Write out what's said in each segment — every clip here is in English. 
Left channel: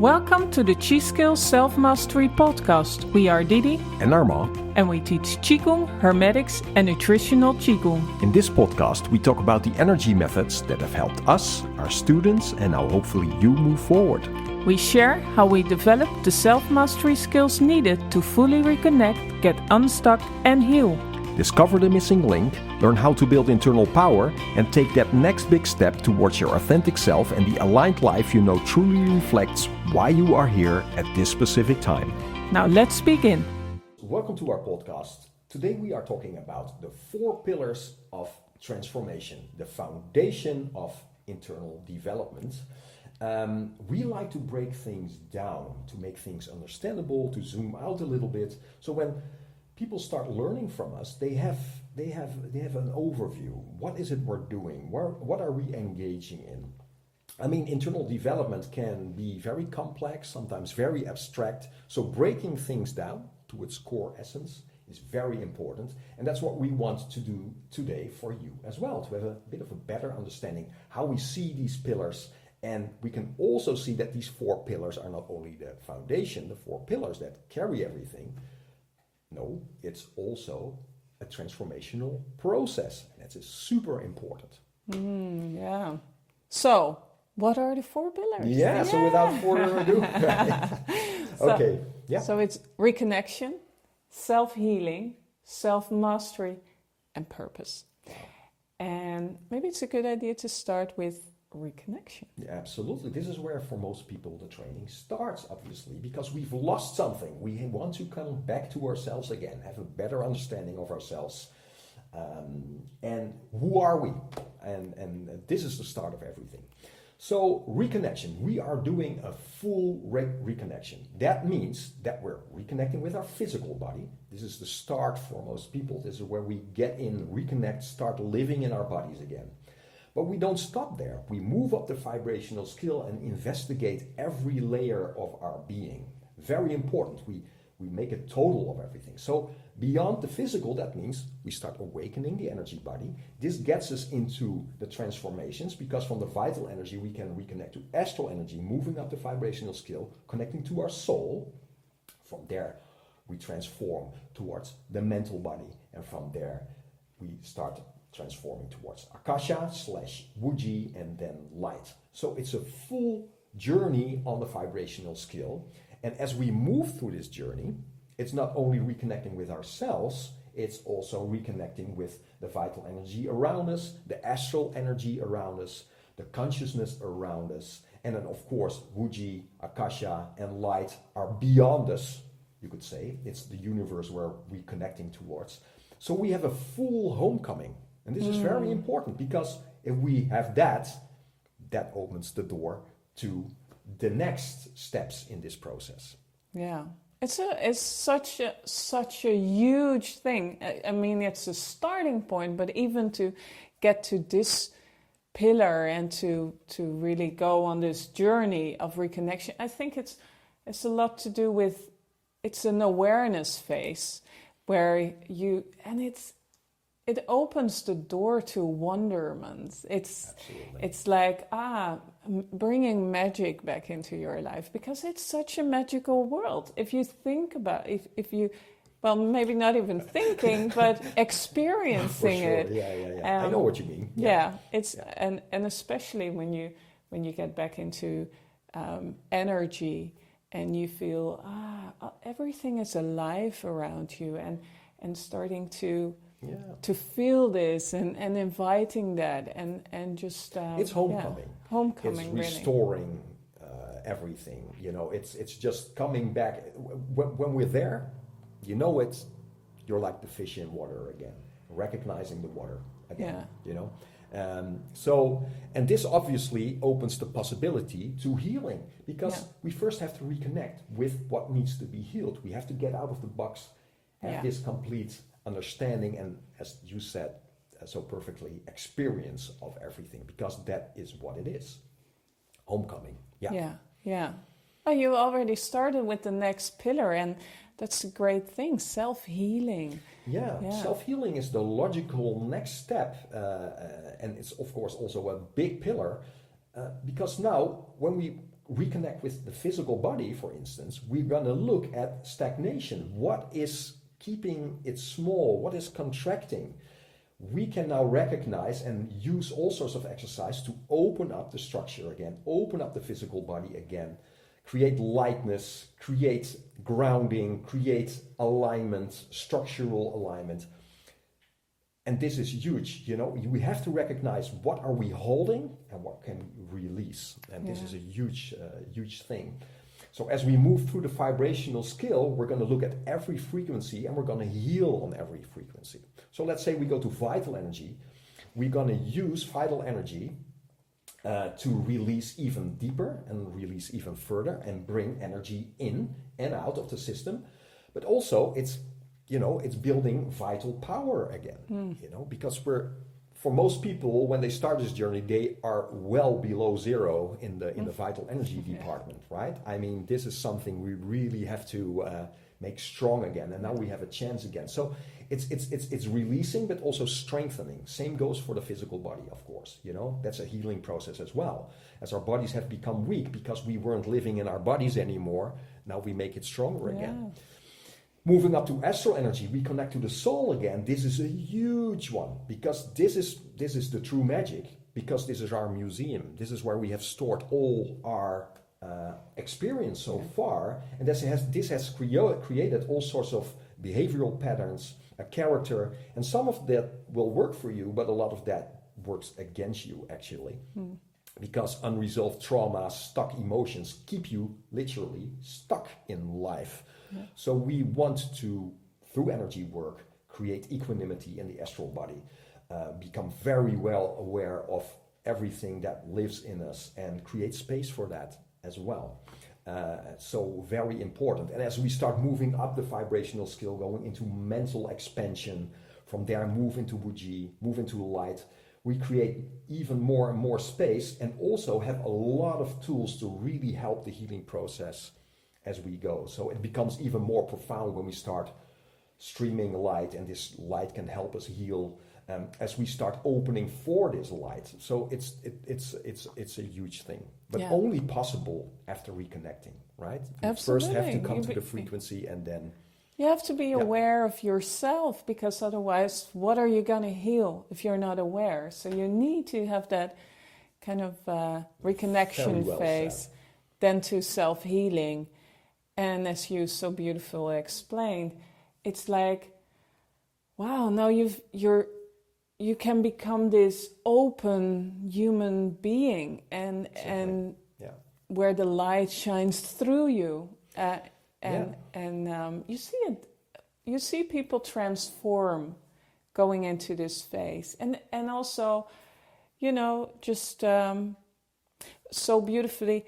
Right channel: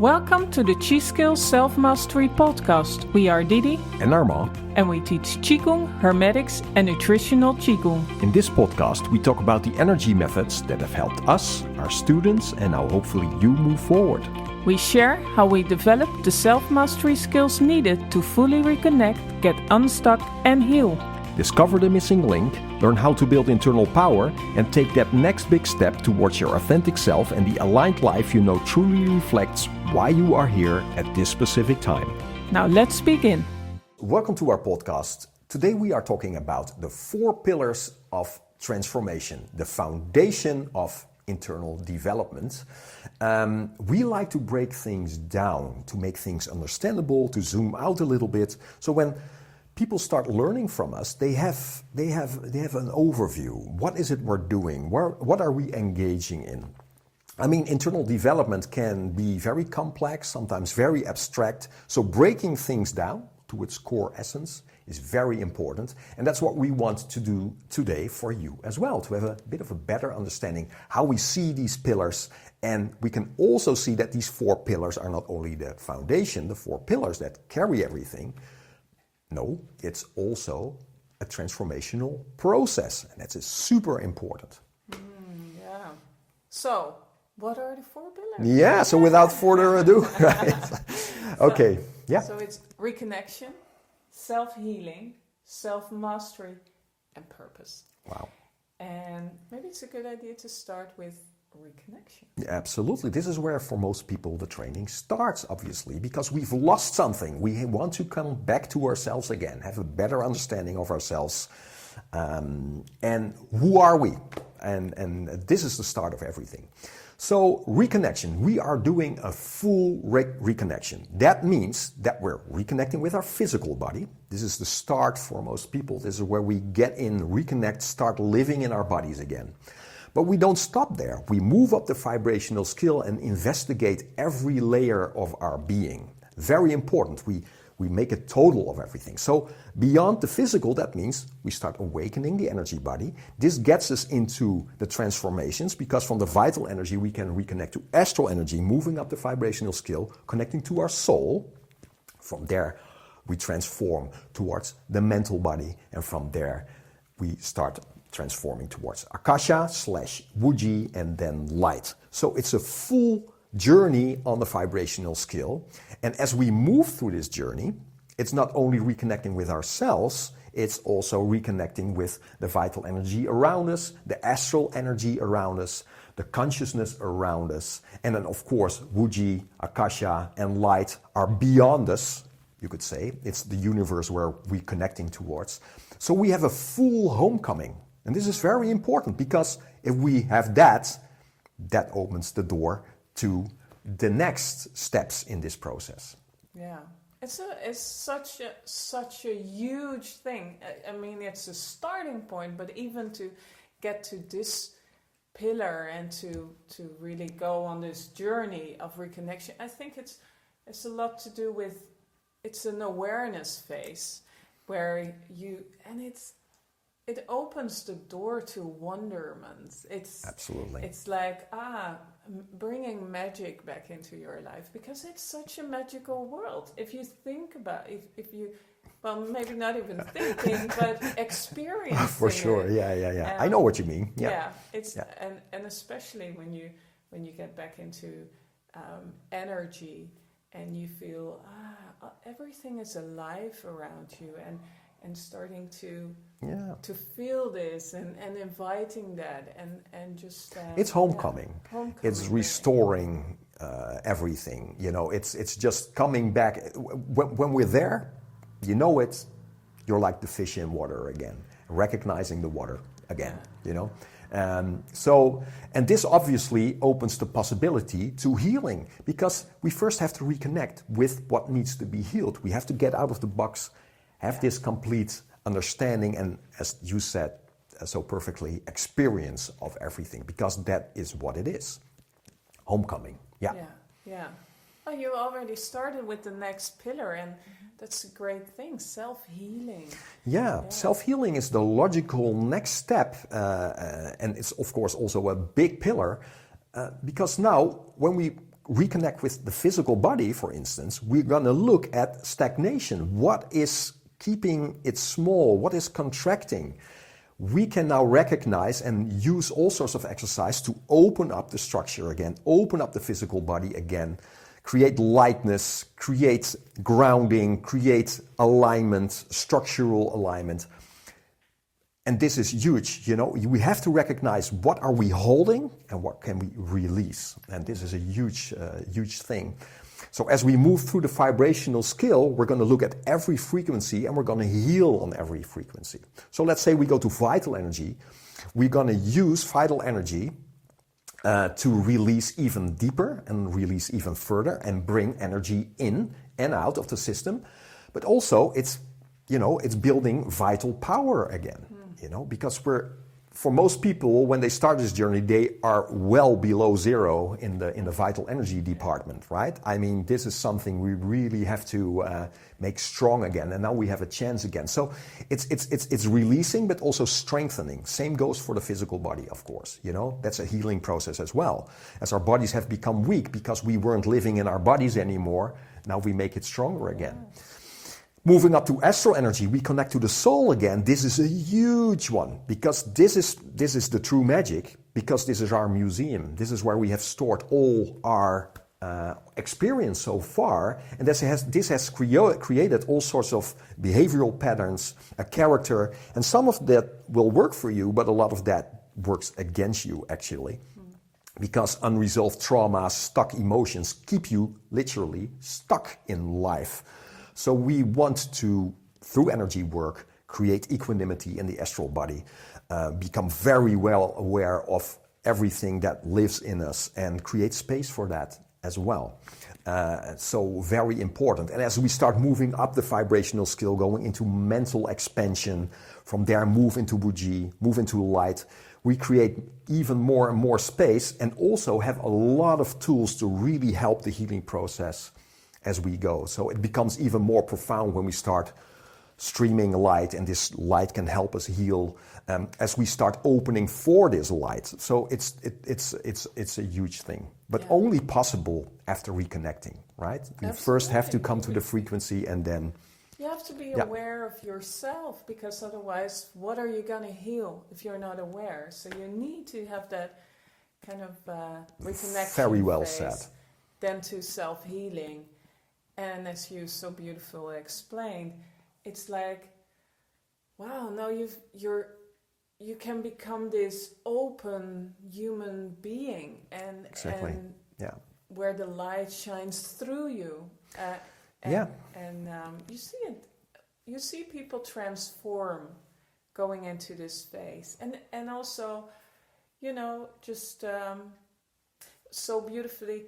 Welcome to the Chi Skills Self-Mastery Podcast. We are Didi and Arma, and we teach Qigong, Hermetics and nutritional Qigong. In this podcast, we talk about the energy methods that have helped us, our students, and now hopefully you move forward. We share how we developed the self-mastery skills needed to fully reconnect, get unstuck and heal. Discover the missing link, learn how to build internal power, and take that next big step towards your authentic self and the aligned life you know truly reflects why you are here at this specific time. Now let's begin. Welcome to our podcast. Today we are talking about the 4 pillars of transformation, the foundation of internal development. We like to break things down, to make things understandable, to zoom out a little bit. So when people start learning from us, they have an overview. What is it we're doing? What are we engaging in? I mean, internal development can be very complex, sometimes very abstract. So breaking things down to its core essence is very important. And that's what we want to do today for you as well, to have a bit of a better understanding how we see these pillars. And we can also see that these 4 pillars are not only the foundation, the 4 pillars that carry everything. No, it's also a transformational process, and that's super important. Yeah. So, what are the 4 pillars? Yeah, so without further ado, right? Okay, yeah. So it's reconnection, self-healing, self-mastery, and purpose. Wow. And maybe it's a good idea to start with reconnection. Yeah, absolutely. This is where for most people the training starts, obviously, because we've lost something. We want to come back to ourselves again, have a better understanding of ourselves. And who are we? And this is the start of everything. So reconnection, we are doing a full reconnection. That means that we're reconnecting with our physical body. This is the start for most people. This is where we get in, reconnect, start living in our bodies again. But we don't stop there. We move up the vibrational scale and investigate every layer of our being. Very important. We make a total of everything. So beyond the physical, that means we start awakening the energy body. This gets us into the transformations because from the vital energy we can reconnect to astral energy, moving up the vibrational scale, connecting to our soul. From there we transform towards the mental body, and from there we start transforming towards Akasha / Wuji and then light. So it's a full journey on the vibrational scale. And as we move through this journey, it's not only reconnecting with ourselves, it's also reconnecting with the vital energy around us, the astral energy around us, the consciousness around us. And then of course, Wuji, Akasha and light are beyond us, you could say. It's the universe where we're connecting towards. So we have a full homecoming. And this is very important because if we have that opens the door to the next steps in this process. Yeah, it's such a huge thing. I mean, it's a starting point, but even to get to this pillar and to really go on this journey of reconnection, I think it's a lot to do with, it's an awareness phase where it opens the door to wonderment. Absolutely. It's like bringing magic back into your life because it's such a magical world. If you think about if you, well, maybe not even thinking, but experiencing for sure. it. Yeah. I know what you mean. Yeah. And especially when you get back into energy and you feel everything is alive around you and starting to feel this and inviting that and just it's homecoming. Homecoming. It's restoring everything. You know, it's just coming back. When we're there, you know it. You're like the fish in water again, recognizing the water again. Yeah. You know. And this obviously opens the possibility to healing because we first have to reconnect with what needs to be healed. We have to get out of the box, have this complete understanding and, as you said so perfectly, experience of everything because that is what it is. Homecoming. Yeah. Oh, you already started with the next pillar and that's a great thing, self-healing. Yeah, self-healing is the logical next step and it's of course also a big pillar because now when we reconnect with the physical body, for instance, we're going to look at stagnation. What is keeping it small? What is contracting? We can now recognize and use all sorts of exercise to open up the structure again, open up the physical body again, create lightness, create grounding, create alignment, structural alignment. And this is huge, you know, we have to recognize what are we holding and what can we release. And this is a huge, huge thing. So as we move through the vibrational scale, we're going to look at every frequency and we're going to heal on every frequency. So let's say we go to vital energy. We're going to use vital energy to release even deeper and release even further and bring energy in and out of the system. But also it's, you know, it's building vital power again, you know, because for most people, when they start this journey, they are well below zero in the vital energy department, right? I mean, this is something we really have to make strong again, and now we have a chance again. So it's releasing, but also strengthening. Same goes for the physical body, of course. You know, that's a healing process as well. As our bodies have become weak because we weren't living in our bodies anymore, now we make it stronger again. Moving up to astral energy, we connect to the soul again. This is a huge one because this is the true magic, because this is our museum. This is where we have stored all our experience so far, and this has created all sorts of behavioral patterns, a character, and some of that will work for you, but a lot of that works against you actually. Because unresolved traumas, stuck emotions keep you literally stuck in life. So we want to, through energy work, create equanimity in the astral body, become very well aware of everything that lives in us and create space for that as well. So very important. And as we start moving up the vibrational scale, going into mental expansion, from there move into Buji, move into light, we create even more and more space and also have a lot of tools to really help the healing process as we go. So it becomes even more profound when we start streaming light, and this light can help us heal as we start opening for this light. So it's a huge thing, but only possible after reconnecting, right? You first have to come to the frequency, and then you have to be aware of yourself, because otherwise, what are you going to heal if you're not aware? So you need to have that kind of reconnection phase, then to self-healing. And as you so beautifully explained, it's like, wow, now you can become this open human being, and where the light shines through you. You see it. You see people transform going into this phase, and also, you know, just so beautifully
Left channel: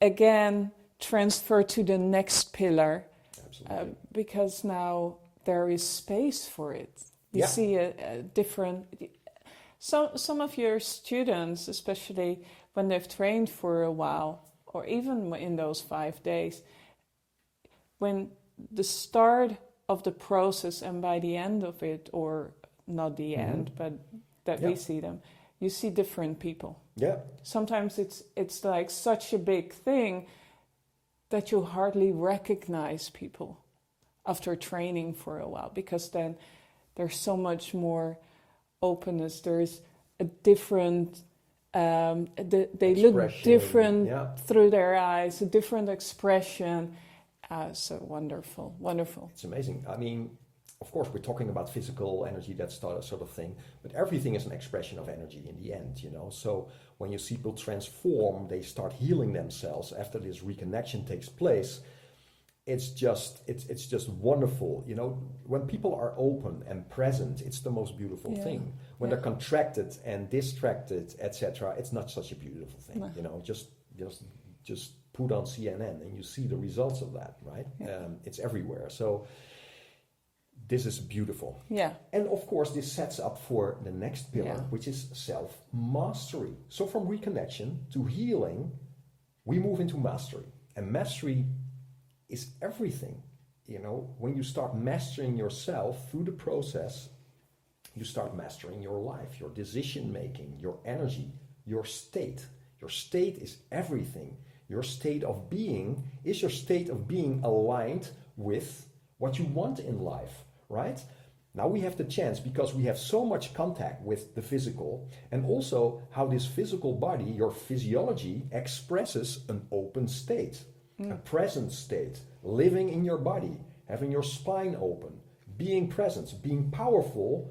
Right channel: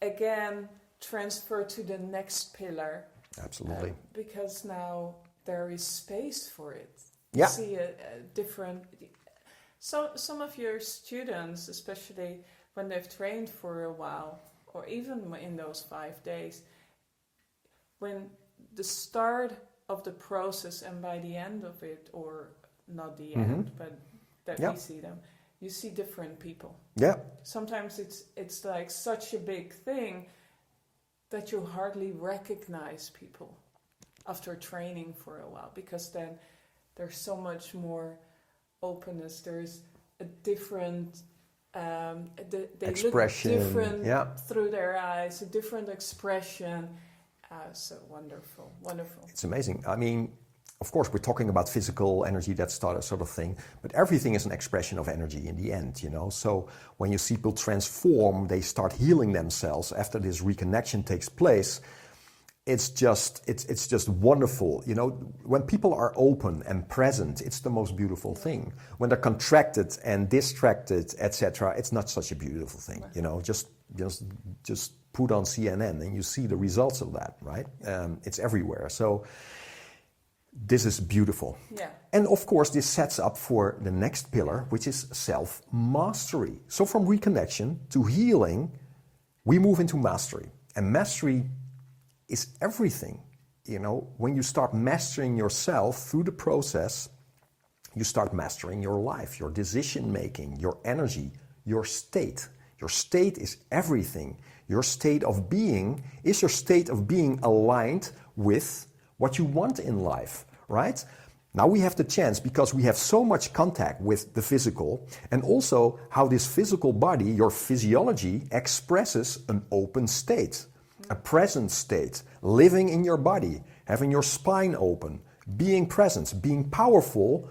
again transfer to the next pillar. Absolutely. Because now there is space for it. You see a different. So some of your students, especially when they've trained for a while, or even in those 5 days, when the start of the process and by the end of it, or not the end, but that we see them, you see different people. Yeah. Sometimes it's like such a big thing that you hardly recognize people after training for a while, because then there's so much more openness. There's a different, they look different through their eyes, a different expression. So wonderful, wonderful. It's amazing. I mean, of course, we're talking about physical energy, that sort of thing, but everything is an expression of energy in the end, you know. So when you see people transform, they start healing themselves after this reconnection takes place. It's just wonderful, you know. When people are open and present, it's the most beautiful thing. When they're contracted and distracted, etc., it's not such a beautiful thing, you know. Just put on CNN and you see the results of that, right? It's everywhere. So this is beautiful. Yeah. And of course, this sets up for the next pillar, which is self-mastery. So from reconnection to healing, we move into mastery. And mastery is everything. You know, when you start mastering yourself through the process, you start mastering your life, your decision making, your energy, your state. Your state is everything. your state of being, is your state of being aligned with what you want in life, right? Now we have the chance, because we have so much contact with the physical, and also how this physical body, your physiology, expresses an open state, a present state, living in your body, having your spine open, being present, being powerful,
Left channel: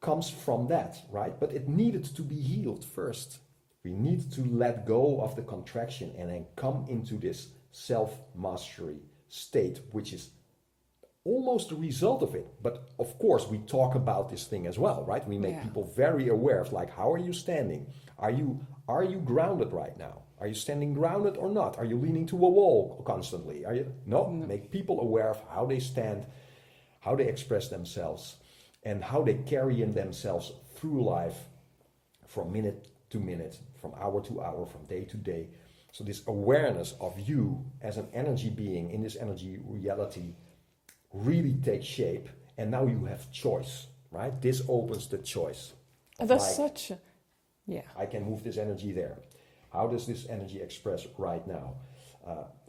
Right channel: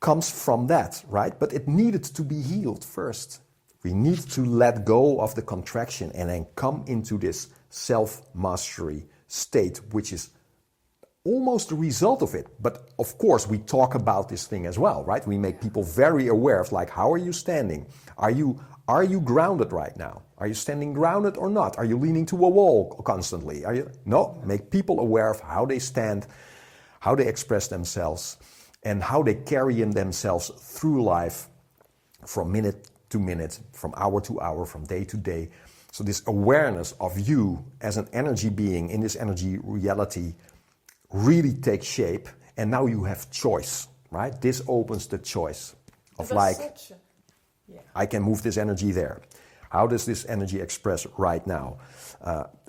comes from that, right? But it needed to be healed first. We need to let go of the contraction and then come into this self-mastery state, which is almost the result of it. But of course, we talk about this thing as well, right? We make people very aware of, like, how are you standing? Are you grounded right now? Are you standing grounded or not? Are you leaning to a wall constantly? No, make people aware of how they stand, how they express themselves, and how they carry in themselves through life from minute to minute, from hour to hour, from day to day. So this awareness of you as an energy being in this energy reality really takes shape, and now you have choice, right? This opens the choice of, like, I can move this energy there. How does this energy express right now?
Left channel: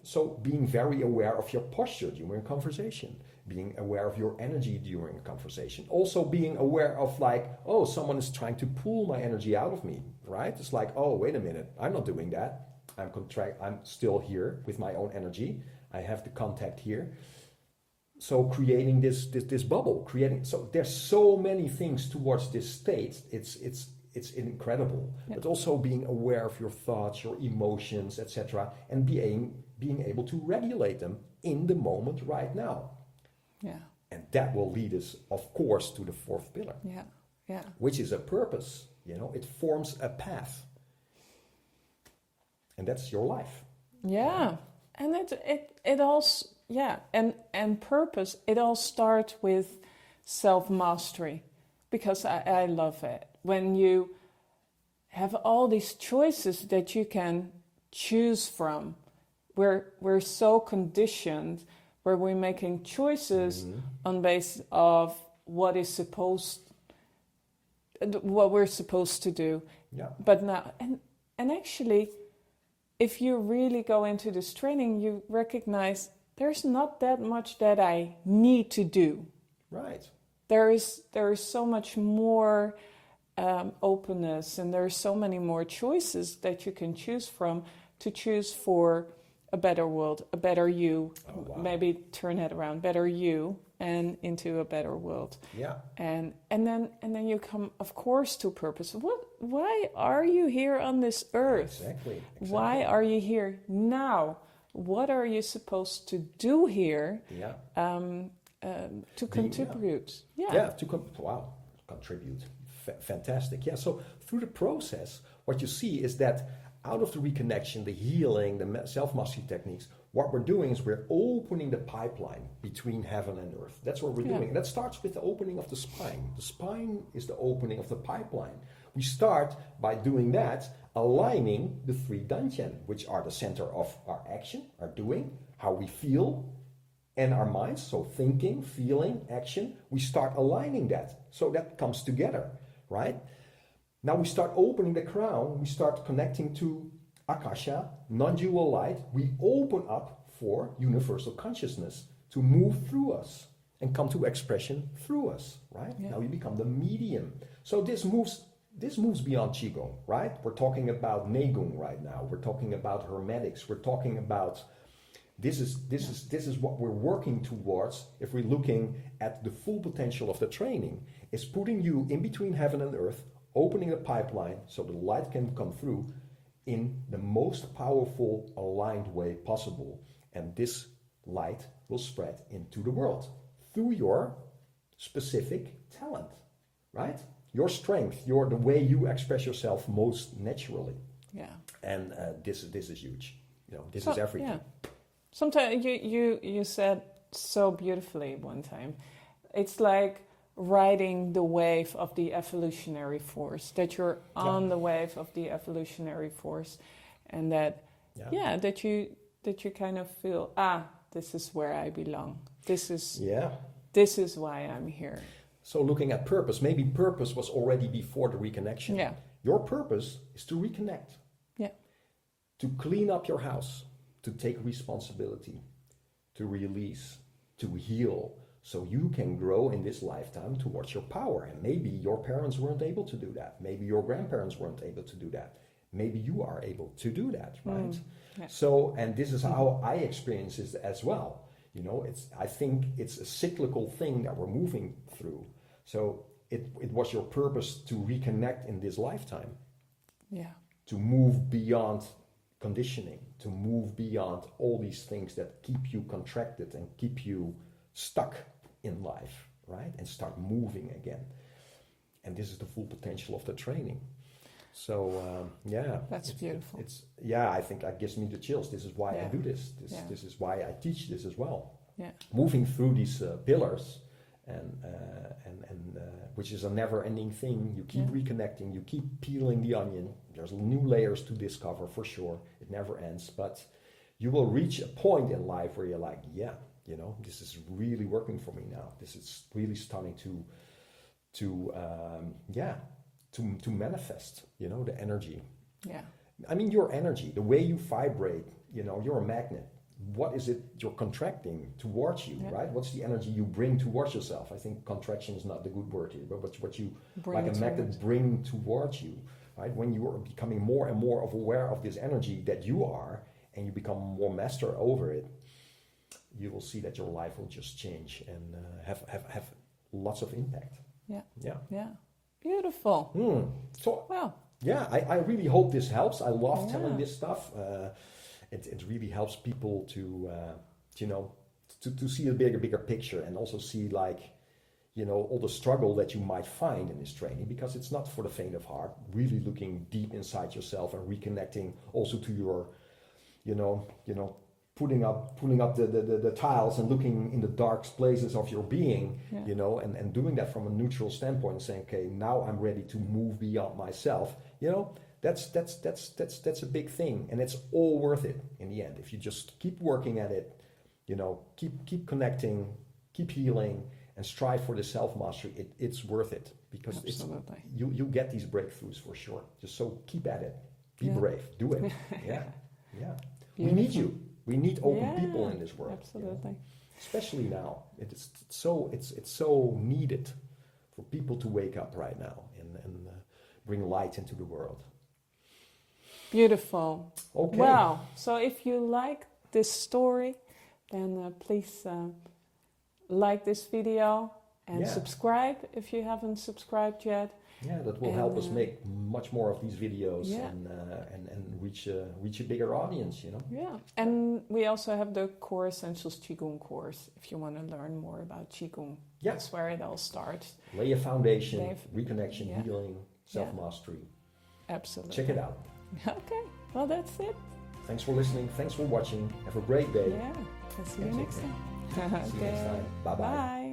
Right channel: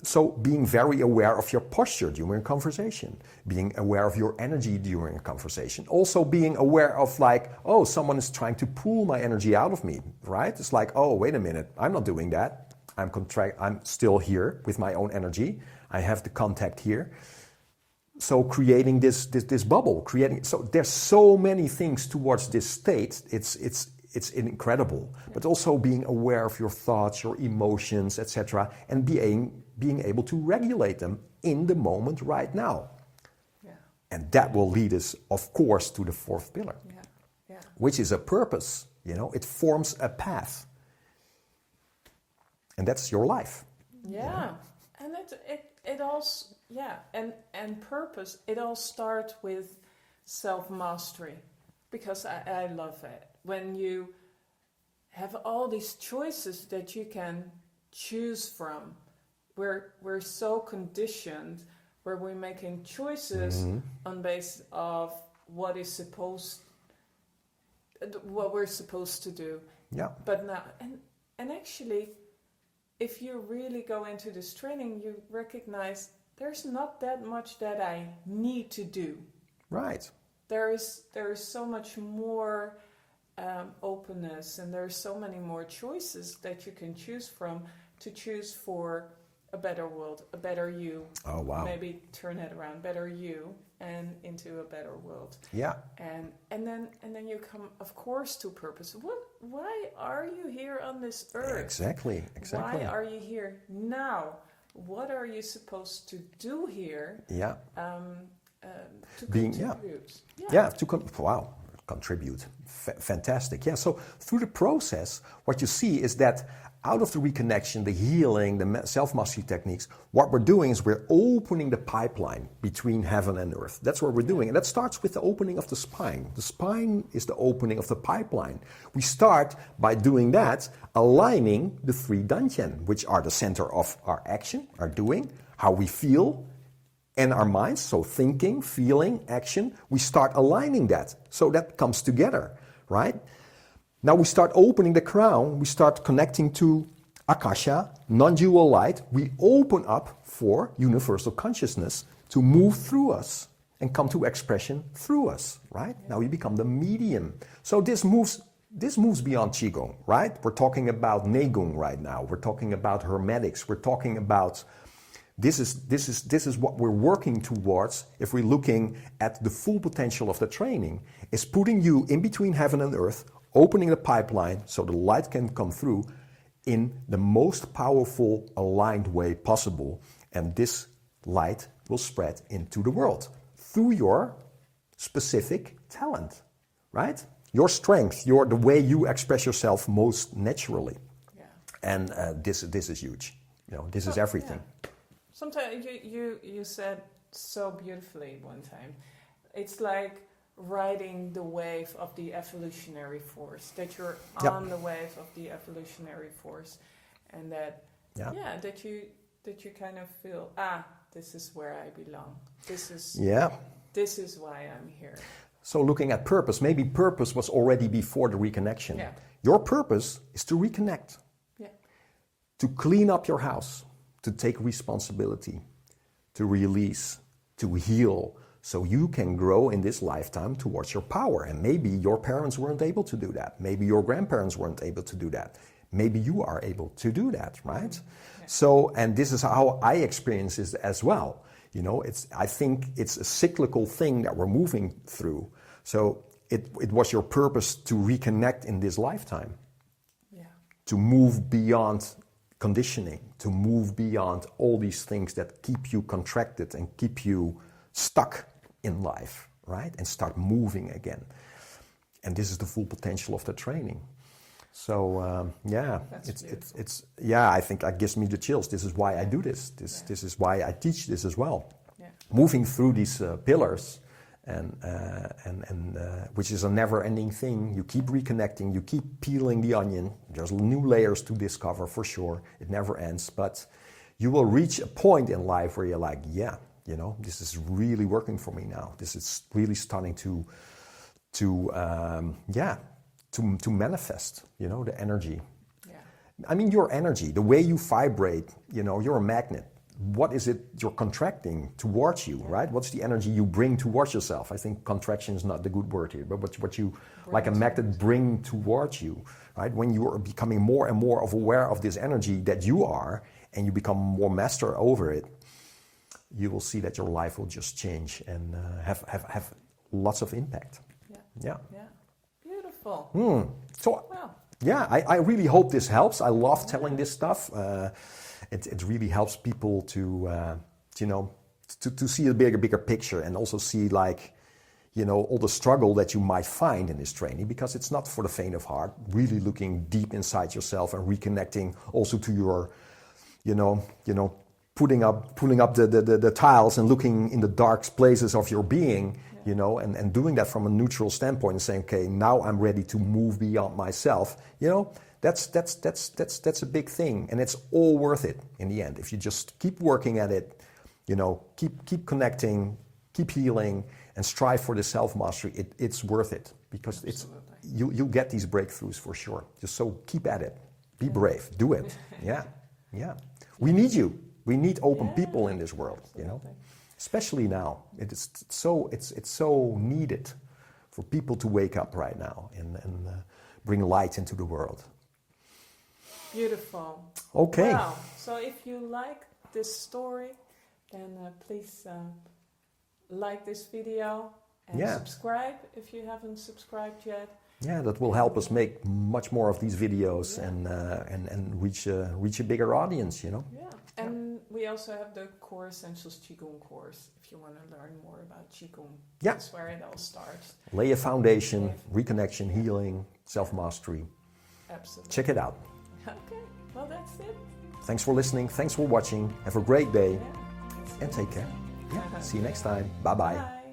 So being very aware of your posture during a conversation, being aware of your energy during a conversation, also being aware of, like, oh, someone is trying to pull my energy out of me, right? It's like, oh, wait a minute, I'm not doing that. I'm still here with my own energy. I have the contact here. So creating this bubble, so there's so many things towards this state. It's incredible, but also being aware of your thoughts, your emotions, etc., and being able to regulate them in the moment right now. Yeah. And that will lead us, of course, to the fourth pillar. Yeah. Which is a purpose. It forms a path, and that's your life. Yeah. And it also. Yeah, and purpose, it all starts with self-mastery, because I love it. When you have all these choices that you can choose from, we're so conditioned, where we're making choices on basis of what we're supposed to do. Yeah. But now, and actually, if you really go into this training, you recognize there's not that much that I need to do. Right. There is so much more openness, and there are so many more choices that you can choose from to choose for a better world, a better you. Oh, wow. Maybe turn it around, better you, and into a better world. Yeah. And then you come, of course, to purpose. Why are you here on this earth? Exactly. Why are you here now? What are you supposed to do here? Yeah. To contribute. Contribute. Fantastic. Yeah. So through the process, what you see is that out of the reconnection, the healing, the self-mastery techniques, what we're doing is we're opening the pipeline between heaven and earth. That's what we're doing. And that starts with the opening of the spine. The spine is the opening of the pipeline. We start by doing that, aligning the three dantian, which are the center of our action, our doing, how we feel, and our minds. So thinking, feeling, action. We start aligning that. So that comes together, right? Now we start opening the crown, we start connecting to Akasha, non-dual light. We open up for universal consciousness to move through us and come to expression through us, right? Yeah. Now we become the medium. So this moves beyond Qigong, right? We're talking about Neikung right now. We're talking about Hermetics. We're talking about this is what we're working towards if we're looking at the full potential of the training, is putting you in between heaven and earth, opening the pipeline so the light can come through in the most powerful, aligned way possible. And this light will spread into the world through your specific talent, right? Your strength, the way you express yourself most naturally. Yeah. And this is huge. This is everything. Yeah. Sometimes you said so beautifully one time, it's like riding the wave of the evolutionary force, that you're on the wave of the evolutionary force, and that that you kind of feel, this is where I belong. This is why I'm here. So looking at purpose, maybe purpose was already before the reconnection. Yeah. Your purpose is to reconnect. Yeah. to clean up your house, to take responsibility, to release, to heal, so you can grow in this lifetime towards your power. And maybe your parents weren't able to do that. Maybe your grandparents weren't able to do that. Maybe you are able to do that, right? Yeah. So, and this is how I experience it as well. You know, I think it's a cyclical thing that we're moving through. So it was your purpose to reconnect in this lifetime. Yeah. To move beyond conditioning, to move beyond all these things that keep you contracted and keep you stuck in life, right? And start moving again. And this is the full potential of the training. So yeah, That's beautiful. I think that gives me the chills. This is why I do this. This is why I teach this as well. Yeah. Moving through these pillars, and which is a never-ending thing. You keep reconnecting. You keep peeling the onion. There's new layers to discover for sure. It never ends. But you will reach a point in life where you're like, yeah, you know, this is really working for me now. This is really starting to manifest, you know, the energy. Yeah. I mean, your energy, the way you vibrate, you know, you're a magnet. What is it you're contracting towards you, right? What's the energy you bring towards yourself? I think contraction is not the good word here, but what you, like a magnet, bring towards you, right? When you are becoming more and more aware of this energy that you are, and you become more master over it, you will see that your life will just change and have lots of impact. Yeah. Yeah. Yeah. Beautiful. So, Well. yeah, I really hope this helps. I love telling this stuff. It really helps people to, you know, to see a bigger picture, and also see, like, you know, all the struggle that you might find in this training, because it's not for the faint of heart. Really looking deep inside yourself and reconnecting also to your, you know, pulling up the tiles and looking in the dark places of your being, you know, and doing that from a neutral standpoint and saying, okay, now I'm ready to move beyond myself. You know, that's a big thing, and it's all worth it in the end if you just keep working at it. You know, keep connecting, keep healing, and strive for the self-mastery. It's worth it, because you'll get these breakthroughs for sure. Just so keep at it. Be brave. Do it. Yeah. We need you. We need open people in this world. Absolutely. You know, especially now. It's so needed for people to wake up right now and bring light into the world. Beautiful. Okay. Well, so if you like this story, then please like this video and subscribe if you haven't subscribed yet. Yeah, that will help us make much more of these videos and reach a bigger audience, you know. Yeah, and we also have the Core Essentials Qigong course if you want to learn more about Qigong. Yeah. That's where it all starts. Lay a foundation, reconnection, healing, self-mastery. Absolutely. Check it out. Okay, well, that's it. Thanks for listening. Thanks for watching. Have a great day. Yeah, And take care. time. See you next time. Bye-bye. Bye.